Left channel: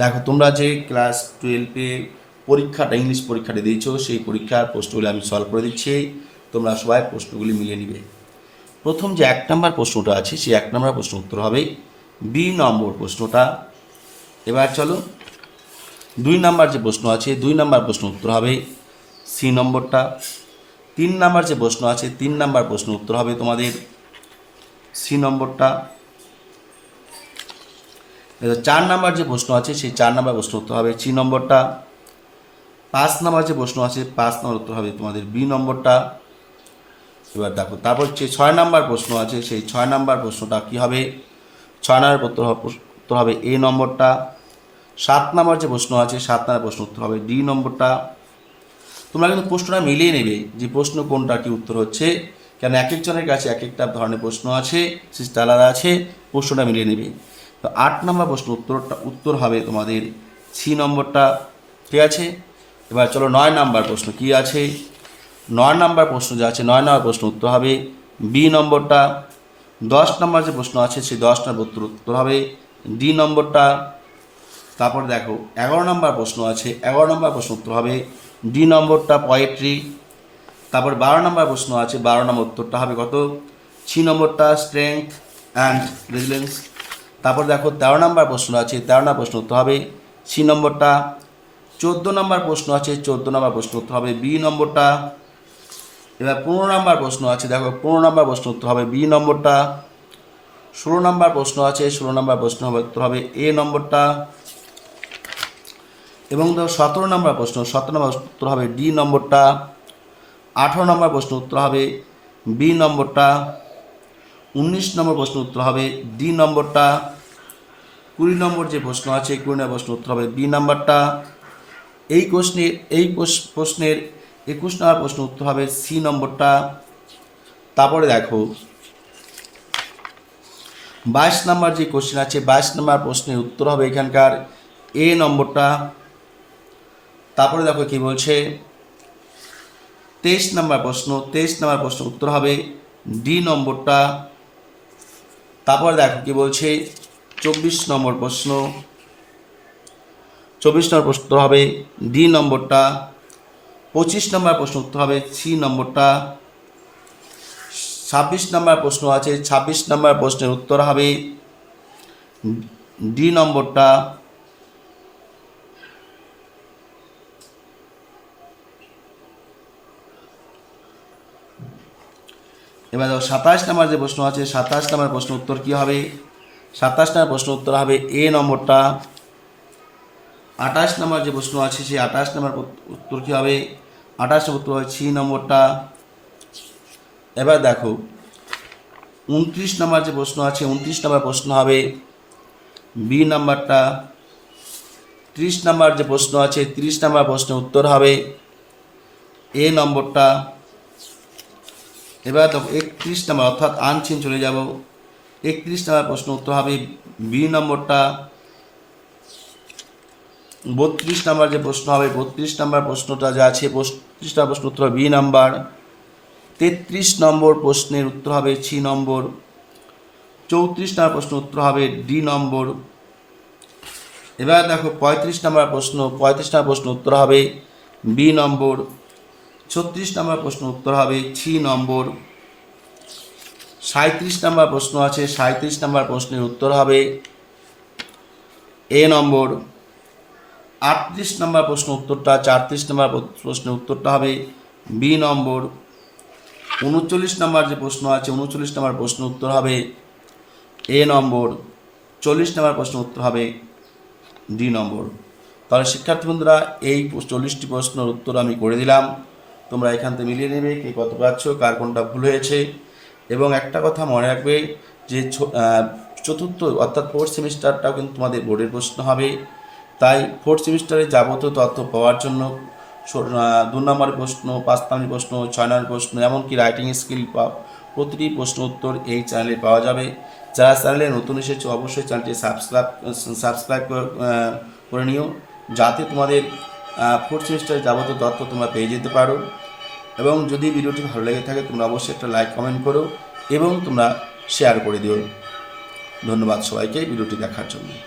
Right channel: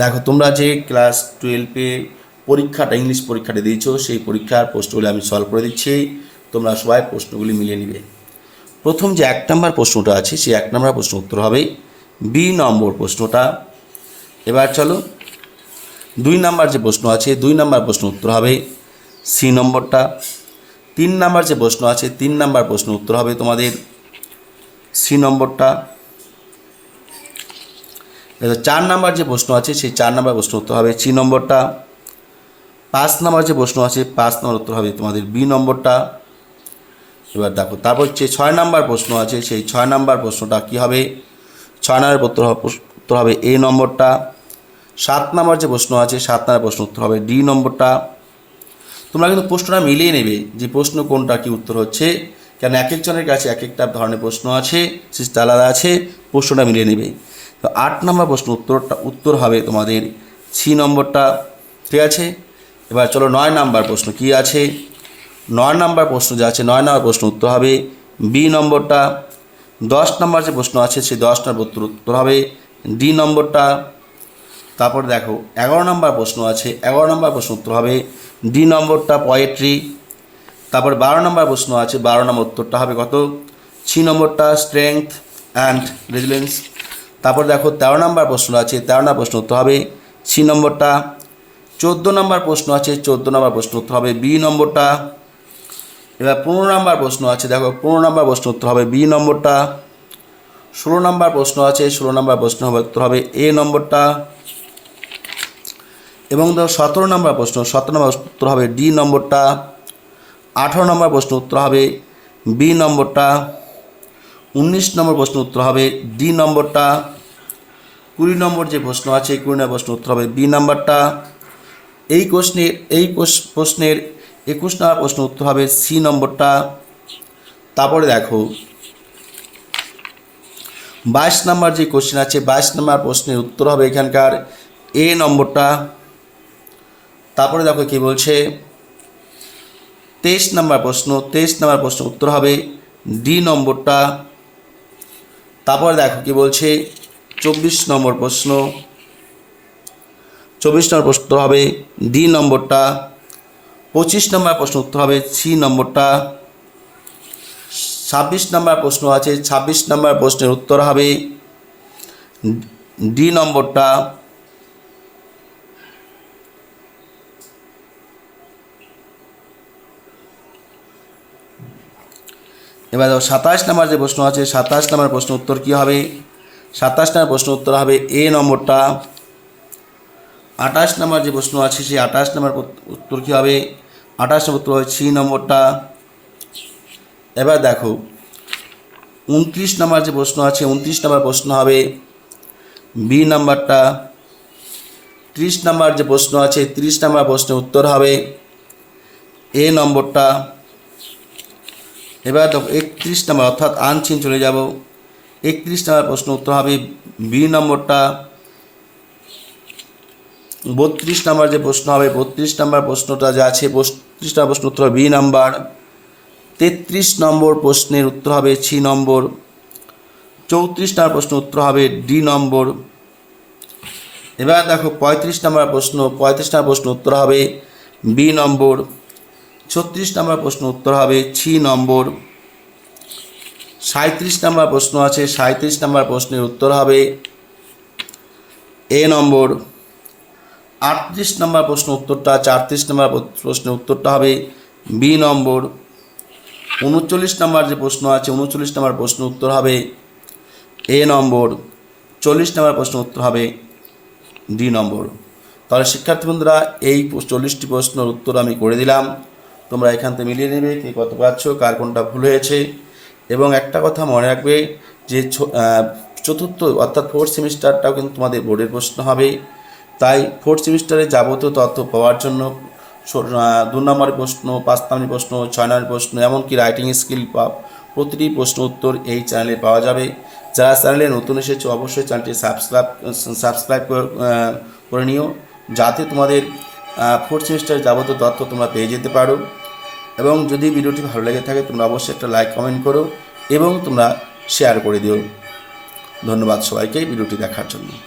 দেখো তোমরা যে ক্লাস 12-এ পরীক্ষাটা ইংলিশ পরীক্ষাটা দিয়েছো সেই পরীক্ষার প্রশ্নগুলি আমি সলভ করে দিচ্ছি। তোমরা সবাই প্রশ্নগুলি মিলিয়ে নিবে। প্রথম যে 1 নম্বর প্রশ্নটা আছে সেই 1 নম্বর প্রশ্ন উত্তর হবে বি নম্বর প্রশ্নটা। এবার চলো 2 নম্বর যে প্রশ্ন আছে 2 নম্বর প্রশ্ন উত্তর হবে সি নম্বরটা। 3 নম্বর যে প্রশ্ন আছে 3 নম্বর প্রশ্ন উত্তর হবে তোমাদের সি নম্বরটা। 4 নম্বর যে প্রশ্ন আছে সেই 4 নম্বর প্রশ্ন উত্তর হবে সি নম্বরটা। 5 নম্বর যে প্রশ্ন আছে 5 নম্বর উত্তর হবে তোমাদের বি নম্বরটা। এবার দেখো তারপর হচ্ছে 6 নম্বর প্রশ্ন আছে সেই 6 নম্বর প্রশ্নটা কী হবে, 6 নম্বর উত্তর হবে এ নম্বরটা। 7 নম্বর যে প্রশ্ন আছে 7 নম্বর প্রশ্ন উত্তর হবে ডি নম্বরটা। তোমরা কিন্তু প্রশ্নটা মিলিয়ে নেবে যে প্রশ্ন কোনটা কি উত্তর হচ্ছে, কেন এক একজনের কাছে এক একটা ধরনের প্রশ্ন আছে, সিস্টেম আলাদা আছে, প্রশ্নটা মিলিয়ে নেবে। তো 8 নম্বর প্রশ্ন উত্তর হবে তোমাদের সি নম্বরটা, ঠিক আছে। এবার চলো 9 নম্বর প্রশ্ন কি আছে, 9 নম্বর প্রশ্ন যে আছে 9 নম্বর প্রশ্ন উত্তর হবে বি নম্বরটা। 10 নম্বর যে প্রশ্ন আছে সেই 10 নম্বর উত্তর হবে ডি নম্বরটা। তারপর দেখো 11 নম্বর প্রশ্ন আছে 11 নম্বর প্রশ্ন উত্তর হবে ডি নম্বরটা পোয়েট্রি। তারপর 12 নম্বর প্রশ্ন আছে 12 নম্বর উত্তরটা হবে কত, সি নম্বরটা স্ট্রেংথ অ্যান্ড রেজিলিয়েন্স। তারপর দেখো 13 নম্বর প্রশ্ন আছে 13 নম্বর প্রশ্ন উত্তর হবে সি নম্বরটা। 14 নম্বর প্রশ্ন আছে 14 নম্বর প্রশ্ন উত্তর হবে বি নম্বরটা। এবার 15 নম্বর প্রশ্ন আছে দেখো 15 নম্বর প্রশ্ন উত্তর হবে বি নম্বরটা। 16 নম্বর প্রশ্ন আছে 16 নম্বর প্রশ্ন উত্তর হবে এ নম্বরটা। এবং ধরো 17 নম্বর প্রশ্ন 17 নম্বর উত্তর হবে ডি নম্বরটা। 18 নম্বর প্রশ্ন উত্তর হবে বি নম্বরটা। 19 নম্বর প্রশ্ন উত্তর হবে ডি নম্বরটা। 20 নম্বর যে প্রশ্ন আছে 20 নম্বর প্রশ্ন উত্তর হবে বি নাম্বারটা। এই প্রশ্নের 21 নম্বর প্রশ্ন উত্তর হবে সি নম্বরটা। তারপরে দেখো 22 নম্বর যে কোশ্চেন আছে 22 নম্বর প্রশ্নের উত্তর হবে এখানকার এ নম্বরটা। তারপরে দেখো কি বলছে 23 নম্বর প্রশ্ন 23 নম্বর প্রশ্ন উত্তর হবে ডি নম্বরটা। তারপরে দেখো কি বলছে 24 নম্বর প্রশ্ন 24 নম্বর প্রশ্ন হবে ডি নম্বরটা। 25 নম্বর প্রশ্ন উত্তর হবে সি নম্বরটা। 26 নম্বর প্রশ্ন আছে 26 নম্বর প্রশ্নের উত্তর হবে ডি নম্বরটা। এবার 27 নম্বর যে প্রশ্ন আছে 27 নম্বর প্রশ্ন উত্তর কী হবে, 27 নম্বর প্রশ্ন উত্তর হবে এ নম্বরটা। 28 নম্বর যে প্রশ্ন আছে সেই 28 নম্বর উত্তর কী হবে, 28 নম্বর উত্তর হবে সি নম্বরটা। এবার দেখো 29 নম্বর যে প্রশ্ন আছে 29 নম্বর প্রশ্ন হবে বি নাম্বারটা। 30 নম্বর যে প্রশ্ন আছে 30 নম্বর প্রশ্নের উত্তর হবে এ নম্বরটা। এবার দেখো 31 নম্বর অর্থাৎ আনচিন চলে যাব, 31 নম্বর প্রশ্ন উত্তর হবে বি নম্বরটা। 32 নম্বর যে প্রশ্ন হবে 32 নম্বর প্রশ্নটা যা আছে 32 নম্বর প্রশ্ন উত্তর হবে বি নাম্বার। 33 নম্বর প্রশ্নের উত্তর হবে সি নম্বর। 34 নম্বর প্রশ্ন উত্তর হবে ডি নম্বর। এবার দেখো 35 নম্বর প্রশ্ন 35 নম্বর প্রশ্ন উত্তর হবে বি নম্বর। 36 নম্বর প্রশ্ন উত্তর হবে সি নম্বর। 37 নম্বর প্রশ্ন আছে 37 নম্বর প্রশ্নের উত্তর হবে এ নম্বর। 38 নম্বর প্রশ্ন উত্তরটা 38 নম্বর প্রশ্নের উত্তরটা হবে বি নম্বর। 39 নম্বর যে প্রশ্ন আছে 39 নম্বর প্রশ্ন উত্তর হবে এ নম্বর। 40 নম্বর প্রশ্ন উত্তর হবে ডি নম্বর। তাহলে শিক্ষার্থী বন্ধুরা এই 40টি প্রশ্নের উত্তর আমি করে দিলাম, তোমরা এখান থেকে মিলিয়ে নেবে কে কত পাচ্ছ, কার কোনটা ভুল হয়েছে। এবং একটা কথা মনে রাখবে যে চতুর্থ অর্থাৎ 4th সেমিস্টারটাও কিন্তু তোমাদের বোর্ডের প্রশ্ন হবে, তাই 4th সেমিস্টারে যাবতীয় তথ্য পাওয়ার জন্য 2 নম্বর প্রশ্ন 5 নম্বর প্রশ্ন 6 নম্বর প্রশ্ন এমনকি রাইটিং স্কিল প্রতিটি প্রশ্ন উত্তর এই চ্যানেলে পাওয়া যাবে। যারা চ্যানেলে নতুন এসেছে অবশ্যই চ্যানেলটি সাবস্ক্রাইব করে নিও, যাতে তোমাদের 4th সেমিস্টারে যাবতীয় তথ্য তোমরা পেয়ে যেতে পারো। এবং যদি ভিডিওটি ভালো লেগে থাকে তোমরা অবশ্যই একটা লাইক কমেন্ট করো এবং তোমরা শেয়ার করে দিও। ধন্যবাদ সবাইকে ভিডিওটি দেখার জন্য।